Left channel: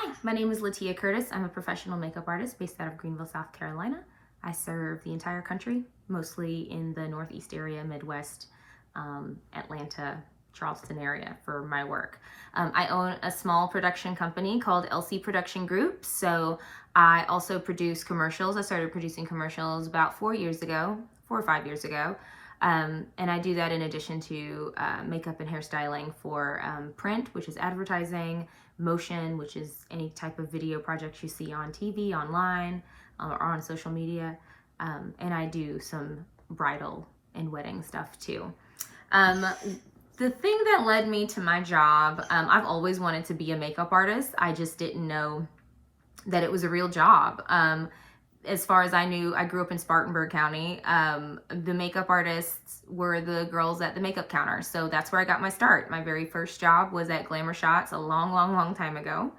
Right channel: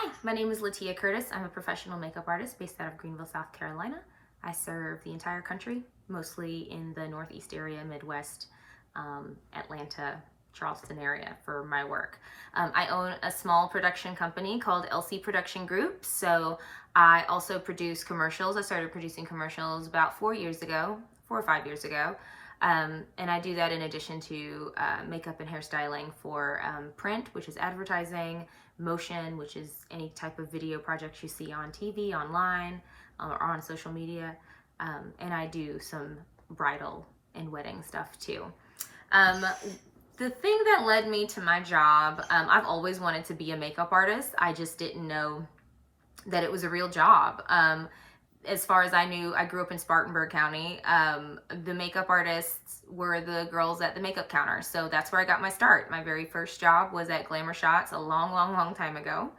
Hi, my name is Latia Curtis. I'm a professional makeup artist based out of Greenville, South Carolina. I serve the entire country, mostly in the Northeast area, Midwest, Atlanta, Charleston area for my work. I own a small production company called LC Production Group, so I also produce commercials. I started producing commercials about 4 or 5 years ago. And I do that in addition to makeup and hairstyling for print, which is advertising, motion, which is any type of video projects you see on TV, online, or on social media. And I do some bridal and wedding stuff too. The thing that led me to my job, I've always wanted to be a makeup artist. I just didn't know that it was a real job. As far as I knew, I grew up in Spartanburg County. The makeup artists were the girls at the makeup counter. So that's where I got my start. My very first job was at Glamour Shots a long time ago.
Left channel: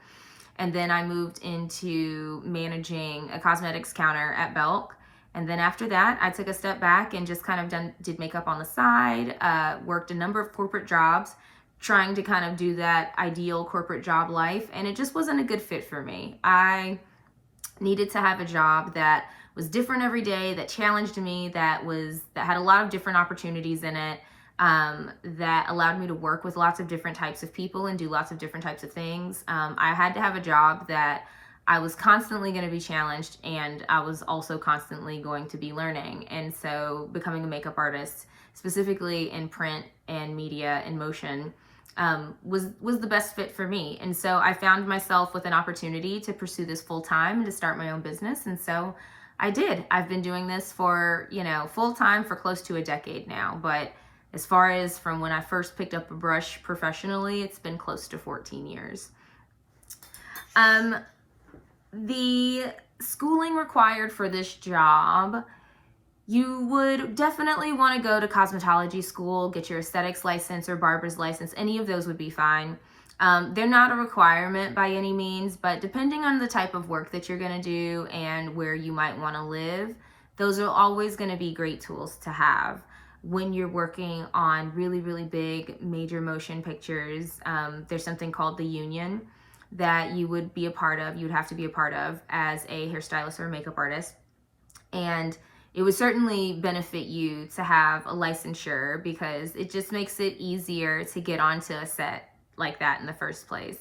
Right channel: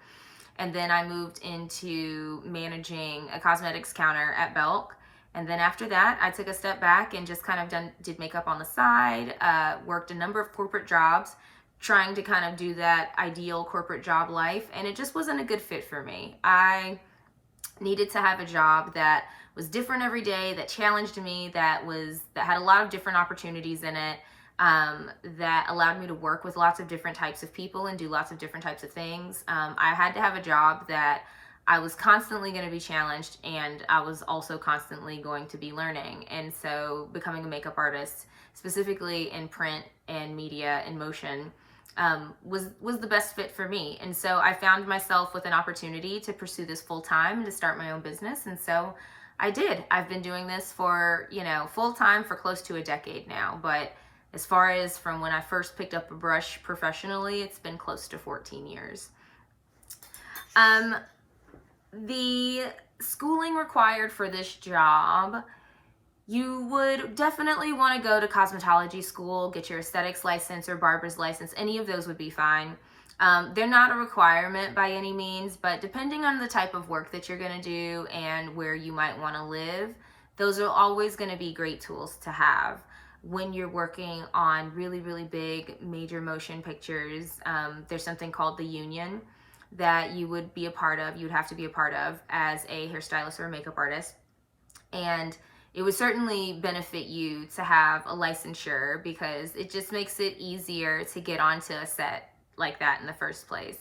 And then I moved into managing a cosmetics counter at Belk. And then after that, I took a step back and just kind of did makeup on the side, worked a number of corporate jobs, trying to kind of do that ideal corporate job life. And it just wasn't a good fit for me. I needed to have a job that was different every day, that challenged me, that had a lot of different opportunities in it, that allowed me to work with lots of different types of people and do lots of different types of things. I had to have a job that I was constantly going to be challenged, and I was also constantly going to be learning. And so becoming a makeup artist, specifically in print and media and motion, was the best fit for me. And so I found myself with an opportunity to pursue this full time and to start my own business. And so I did. I've been doing this for, full time for close to a decade now. But as far as from when I first picked up a brush professionally, it's been close to 14 years. The schooling required for this job, you would definitely want to go to cosmetology school, get your aesthetics license or barber's license. Any of those would be fine. They're not a requirement by any means, but depending on the type of work that you're going to do and where you might want to live, those are always going to be great tools to have when you're working on really big major motion pictures. There's something called the union that you would have to be a part of as a hairstylist or a makeup artist. And it would certainly benefit you to have a licensure because it just makes it easier to get onto a set like that in the first place.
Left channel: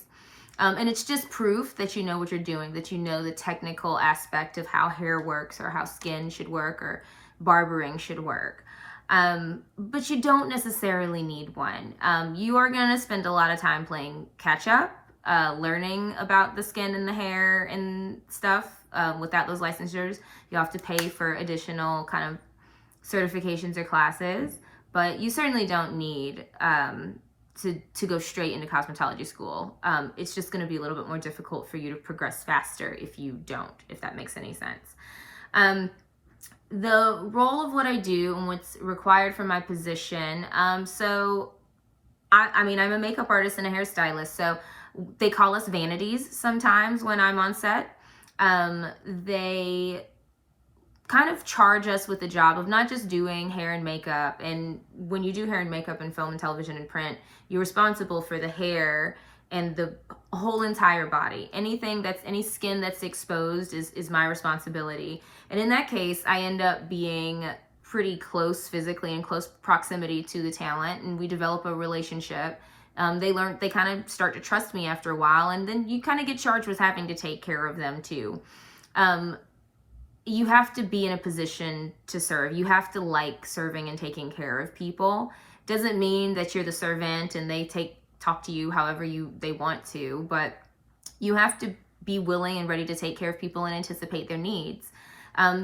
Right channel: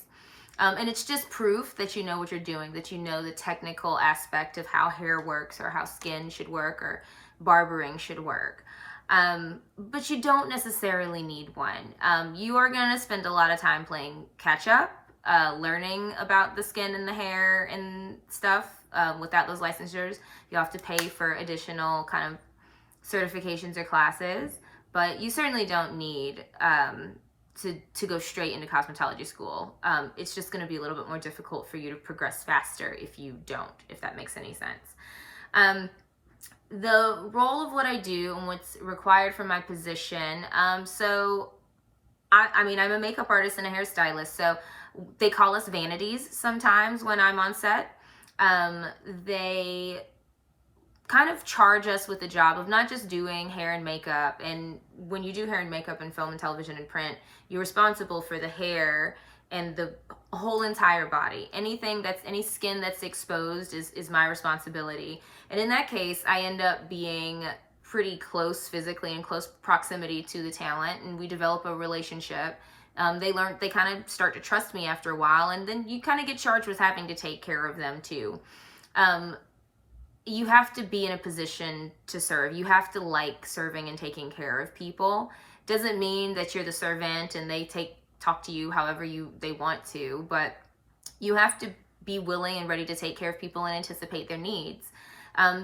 And it's just proof that you know what you're doing, that you know the technical aspect of how hair works or how skin should work or barbering should work. But you don't necessarily need one. You are going to spend a lot of time playing catch up, learning about the skin and the hair and stuff. Without those licensures, you have to pay for additional kind of certifications or classes, but you certainly don't need to go straight into cosmetology school. It's just going to be a little bit more difficult for you to progress faster if you don't, if that makes any sense. The role of what I do and what's required for my position, so I'm a makeup artist and a hairstylist, so they call us vanities sometimes when I'm on set. They kind of charge us with the job of not just doing hair and makeup. And when you do hair and makeup in film and television and print, you're responsible for the hair and the whole entire body. Any skin that's exposed is my responsibility. And in that case, I end up being pretty close physically, in close proximity to the talent, and we develop a relationship. They kind of start to trust me after a while, and then you kind of get charged with having to take care of them too. You have to be in a position to serve. You have to like serving and taking care of people. Doesn't mean that you're the servant and they talk to you however they want to, but you have to be willing and ready to take care of people and anticipate their needs.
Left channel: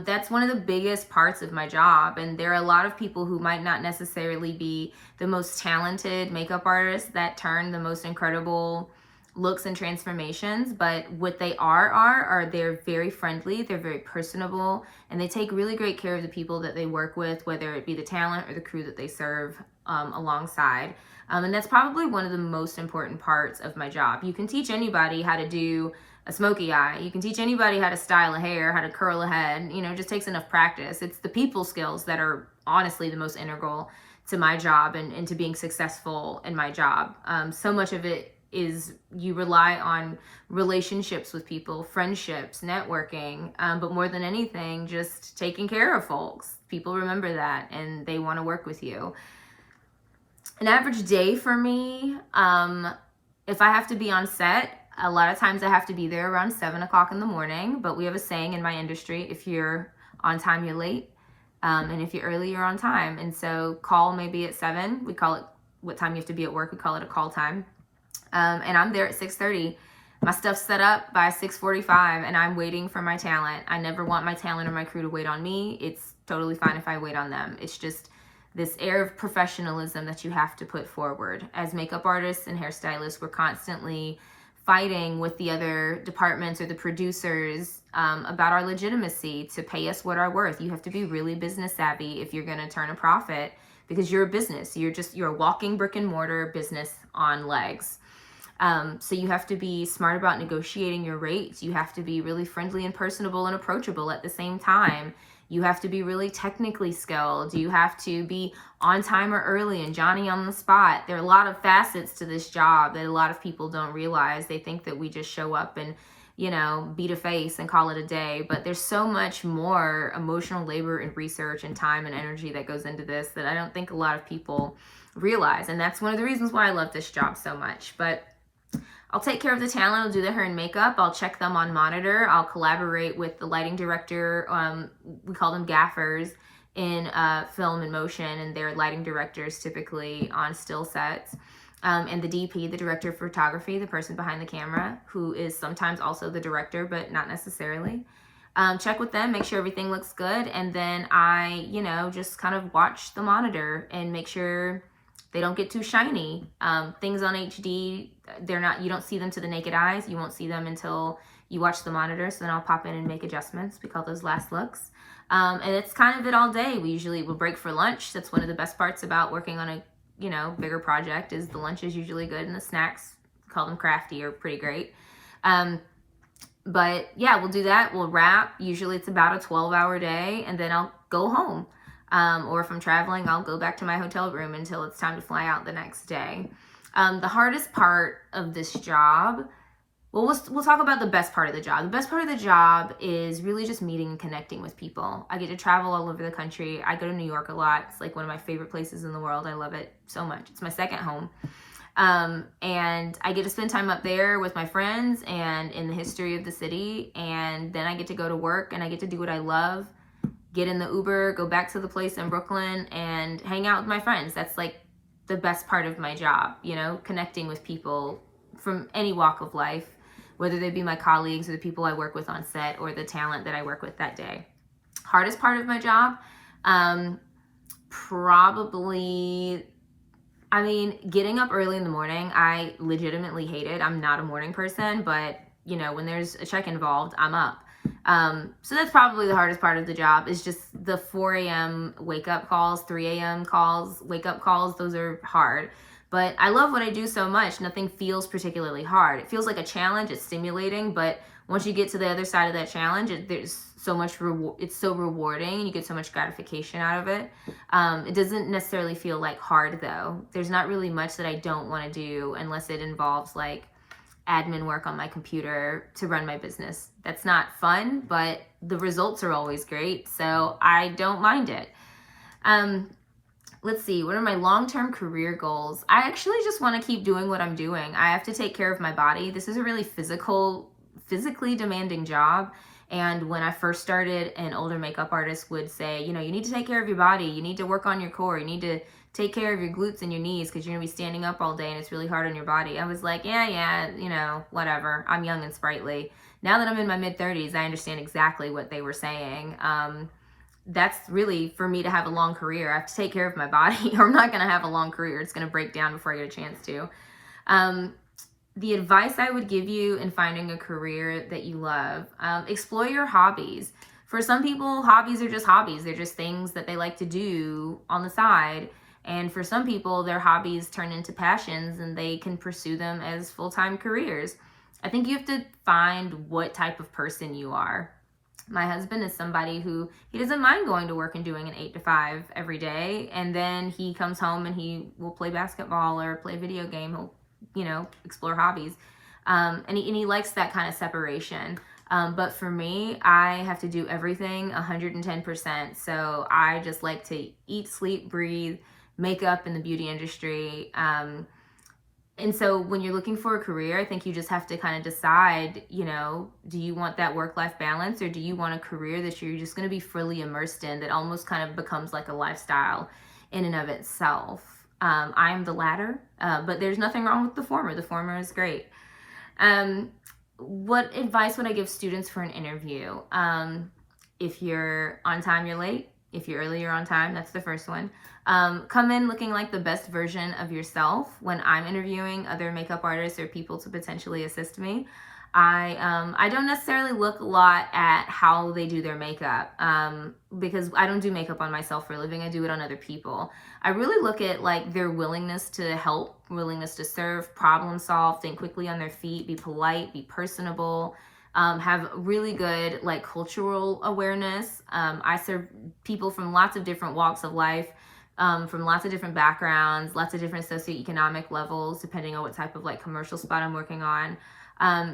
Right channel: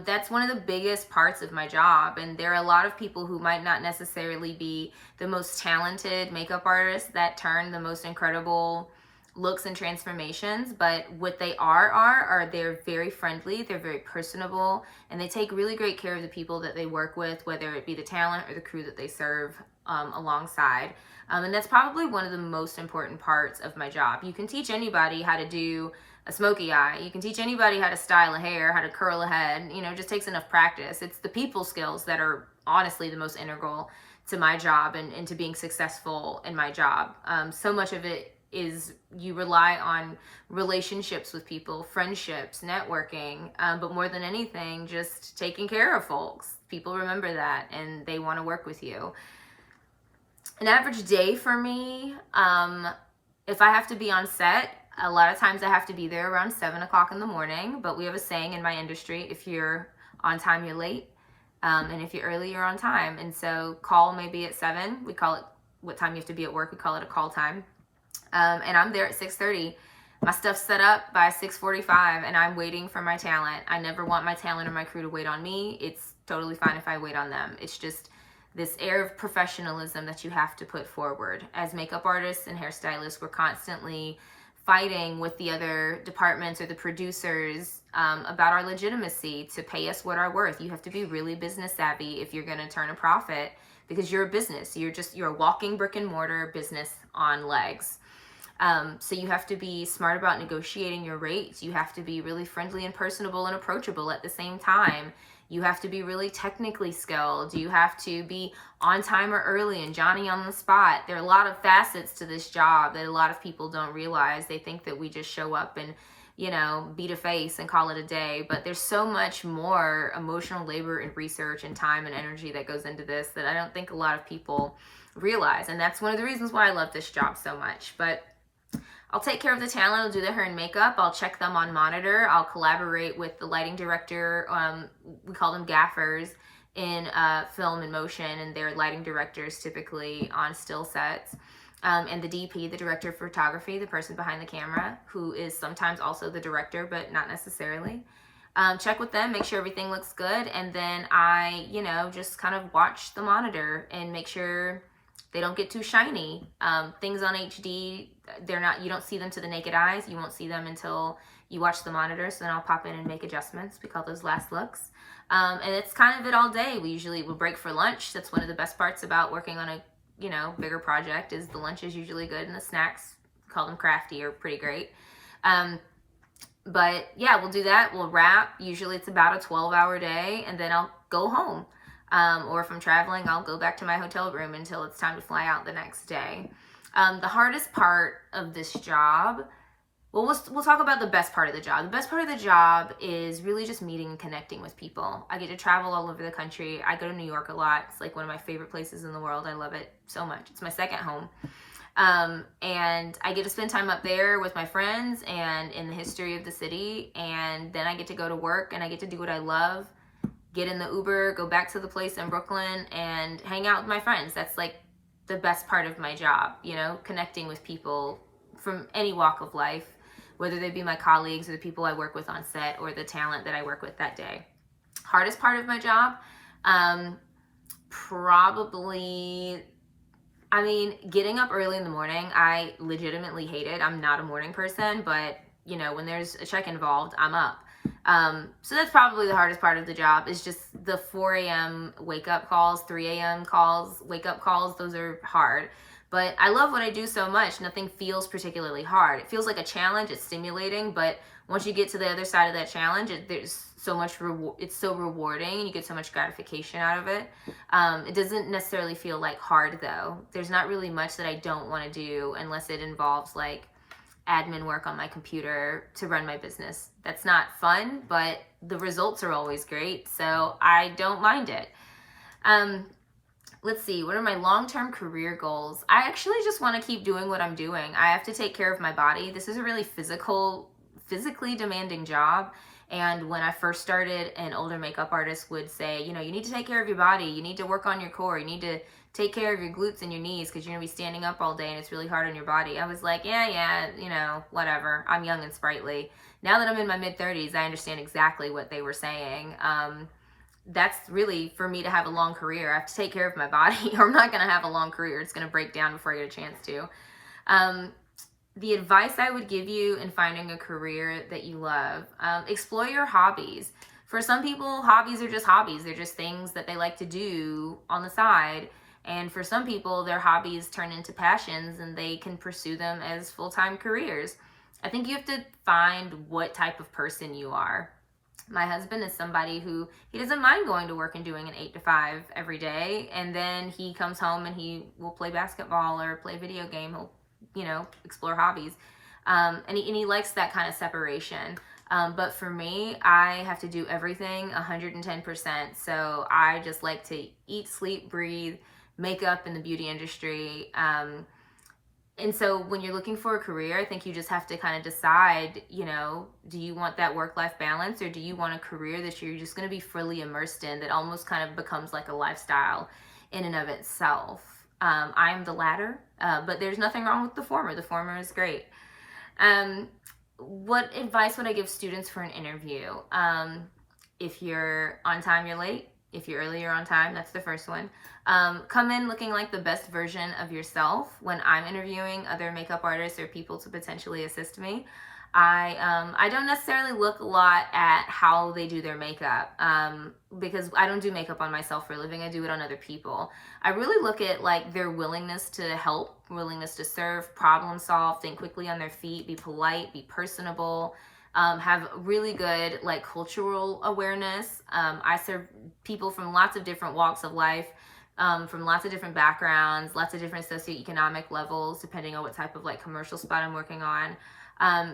That's one of the biggest parts of my job. And there are a lot of people who might not necessarily be the most talented makeup artists that turn the most incredible looks and transformations, but what they are they're very friendly, they're very personable, and they take really great care of the people that they work with, whether it be the talent or the crew that they serve alongside. And that's probably one of the most important parts of my job. You can teach anybody how to do a smoky eye. You can teach anybody how to style a hair, how to curl a head. It just takes enough practice. It's the people skills that are honestly the most integral to my job and to being successful in my job. So much of it is you rely on relationships with people, friendships, networking, but more than anything, just taking care of folks. People remember that and they want to work with you. An average day for me, if I have to be on set, a lot of times I have to be there around 7 o'clock in the morning, but we have a saying in my industry, if you're on time, you're late. And if you're early, you're on time. And so call maybe at 7. We call it what time you have to be at work. We call it a call time. And I'm there at 6:30. My stuff's set up by 6:45 and I'm waiting for my talent. I never want my talent or my crew to wait on me. It's totally fine if I wait on them. It's just this air of professionalism that you have to put forward. As makeup artists and hairstylists, we're constantly fighting with the other departments or the producers about our legitimacy to pay us what our worth. You have to be really business savvy if you're going to turn a profit, because you're a business. You're a walking brick and mortar business on legs. So you have to be smart about negotiating your rates. You have to be really friendly and personable and approachable at the same time. You have to be really technically skilled. You have to be on time or early and Johnny on the spot. There are a lot of facets to this job that a lot of people don't realize. They think that we just show up and, beat a face and call it a day. But there's so much more emotional labor and research and time and energy that goes into this that I don't think a lot of people realize. And that's one of the reasons why I love this job so much. But I'll take care of the talent. I'll do their hair and makeup. I'll check them on monitor. I'll collaborate with the lighting director. We call them gaffers in film and motion, and they're lighting directors typically on still sets. And the DP, the director of photography, the person behind the camera, who is sometimes also the director, but not necessarily. Check with them, make sure everything looks good, and then I, just kind of watch the monitor and make sure they don't get too shiny. Things on HD, you don't see them to the naked eyes. You won't see them until you watch the monitor. So then I'll pop in and make adjustments. We call those last looks. And it's kind of it all day. We'll break for lunch. That's one of the best parts about working on a, bigger project, is the lunch is usually good and the snacks, call them crafty, are pretty great. But yeah, we'll do that. We'll wrap. Usually it's about a 12-hour day, and then I'll go home. Or if I'm traveling, I'll go back to my hotel room until it's time to fly out the next day. The hardest part of this job, we'll talk about the best part of the job. The best part of the job is really just meeting and connecting with people. I get to travel all over the country. I go to New York a lot. It's like one of my favorite places in the world. I love it so much. It's my second home. And I get to spend time up there with my friends and in the history of the city. And then I get to go to work and I get to do what I love. Get in the Uber, go back to the place in Brooklyn and hang out with my friends. That's like the best part of my job, connecting with people from any walk of life, whether they be my colleagues or the people I work with on set or the talent that I work with that day. Hardest part of my job, probably, getting up early in the morning, I legitimately hate it. I'm not a morning person, but when there's a check involved, I'm up. So that's probably the hardest part of the job, is just the 4 a.m. wake up calls, 3 a.m. calls, wake up calls. Those are hard, but I love what I do so much. Nothing feels particularly hard. It feels like a challenge. It's stimulating, but once you get to the other side of that challenge, there's so much it's so rewarding and you get so much gratification out of it. It doesn't necessarily feel like hard though. There's not really much that I don't want to do unless it involves like admin work on my computer to run my business. That's not fun, but the results are always great, so I don't mind it. Let's see, what are my long-term career goals? I actually just want to keep doing what I'm doing. I have to take care of my body. This is a really physically demanding job. And when I first started, an older makeup artist would say, you need to take care of your body. You need to work on your core. You need to take care of your glutes and your knees because you're going to be standing up all day and it's really hard on your body. I was like, yeah, whatever. I'm young and sprightly. Now that I'm in my mid-30s, I understand exactly what they were saying. That's really, for me to have a long career, I have to take care of my body or I'm not going to have a long career. It's going to break down before I get a chance to. The advice I would give you in finding a career that you love, explore your hobbies. For some people, hobbies are just hobbies. They're just things that they like to do on the side. And for some people, their hobbies turn into passions and they can pursue them as full-time careers. I think you have to find what type of person you are. My husband is somebody who, he doesn't mind going to work and doing an 8 to 5 every day. And then he comes home and he will play basketball or play a video game. He'll explore hobbies. And he likes that kind of separation. But for me, I have to do everything 110%. So I just like to eat, sleep, breathe, makeup in the beauty industry. And so when you're looking for a career, I think you just have to kind of decide, do you want that work-life balance, or do you want a career that you're just going to be fully immersed in, that almost kind of becomes like a lifestyle in and of itself? I'm the latter, but there's nothing wrong with the former. The former is great. What advice would I give students for an interview? If you're on time, you're late. If you're early, you're on time. That's the first one. Come in looking like the best version of yourself. When I'm interviewing other makeup artists or people to potentially assist me, I don't necessarily look a lot at how they do their makeup, because I don't do makeup on myself for a living. I do it on other people. I really look at like their willingness to help, willingness to serve, problem solve, think quickly on their feet, be polite, be personable, have really good like cultural awareness. I serve people from lots of different walks of life, from lots of different backgrounds, lots of different socioeconomic levels, depending on what type of like commercial spot I'm working on.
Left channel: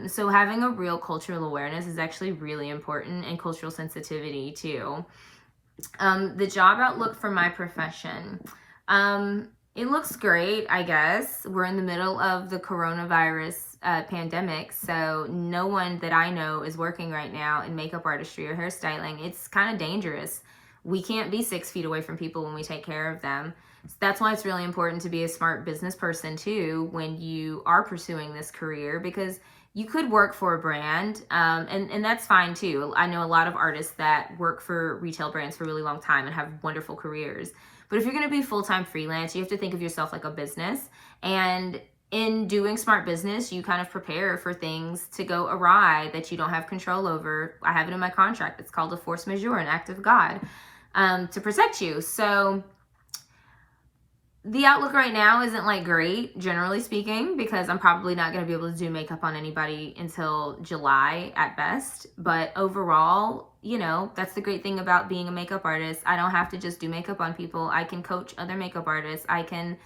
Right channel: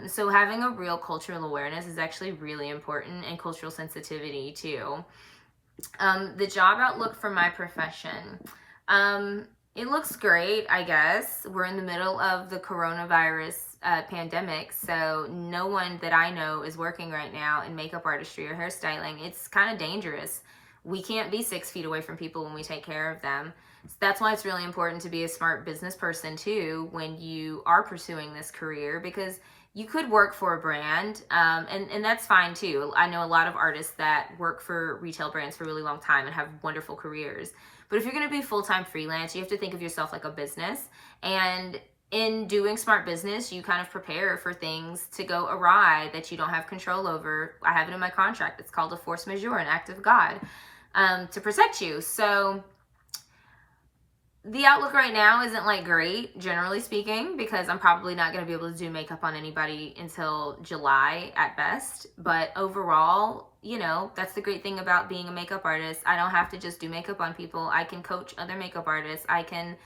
So having a real cultural awareness is actually really important, and cultural sensitivity too. The job outlook for my profession. It looks great, I guess. We're in the middle of the coronavirus pandemic, so no one that I know is working right now in makeup artistry or hairstyling. It's kind of dangerous. We can't be 6 feet away from people when we take care of them. So that's why it's really important to be a smart business person too when you are pursuing this career, because you could work for a brand, and that's fine too. I know a lot of artists that work for retail brands for a really long time and have wonderful careers. But if you're going to be full-time freelance, you have to think of yourself like a business. And in doing smart business, you kind of prepare for things to go awry that you don't have control over. I have it in my contract. It's called a force majeure, an act of God, to protect you. So the outlook right now isn't like great, generally speaking, because I'm probably not going to be able to do makeup on anybody until July at best. But overall, that's the great thing about being a makeup artist. I don't have to just do makeup on people. I can coach other makeup artists. I can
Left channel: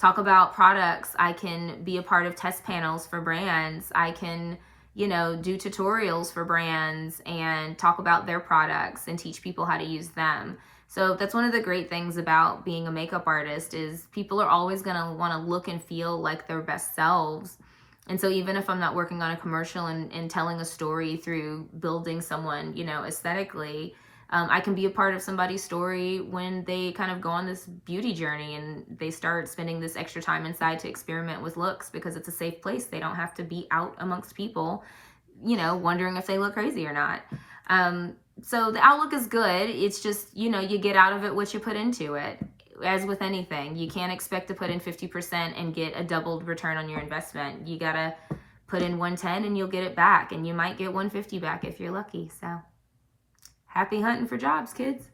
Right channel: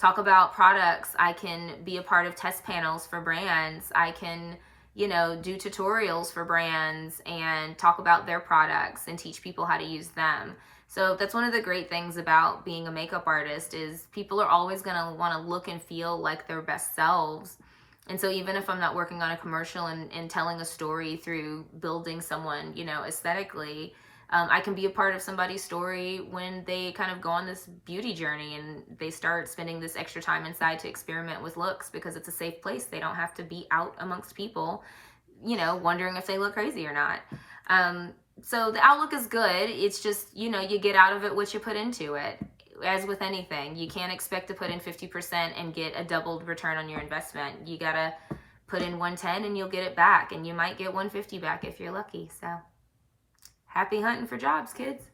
talk about products. I can be a part of test panels for brands. I can, do tutorials for brands and talk about their products and teach people how to use them. So that's one of the great things about being a makeup artist, is people are always going to want to look and feel like their best selves. And so even if I'm not working on a commercial and telling a story through building someone, aesthetically, I can be a part of somebody's story when they kind of go on this beauty journey and they start spending this extra time inside to experiment with looks, because it's a safe place. They don't have to be out amongst people, wondering if they look crazy or not. So the outlook is good. It's just, you get out of it what you put into it. As with anything, you can't expect to put in 50% and get a doubled return on your investment. You gotta put in 110 and you'll get it back, and you might get 150 back if you're lucky. So happy hunting for jobs, kids.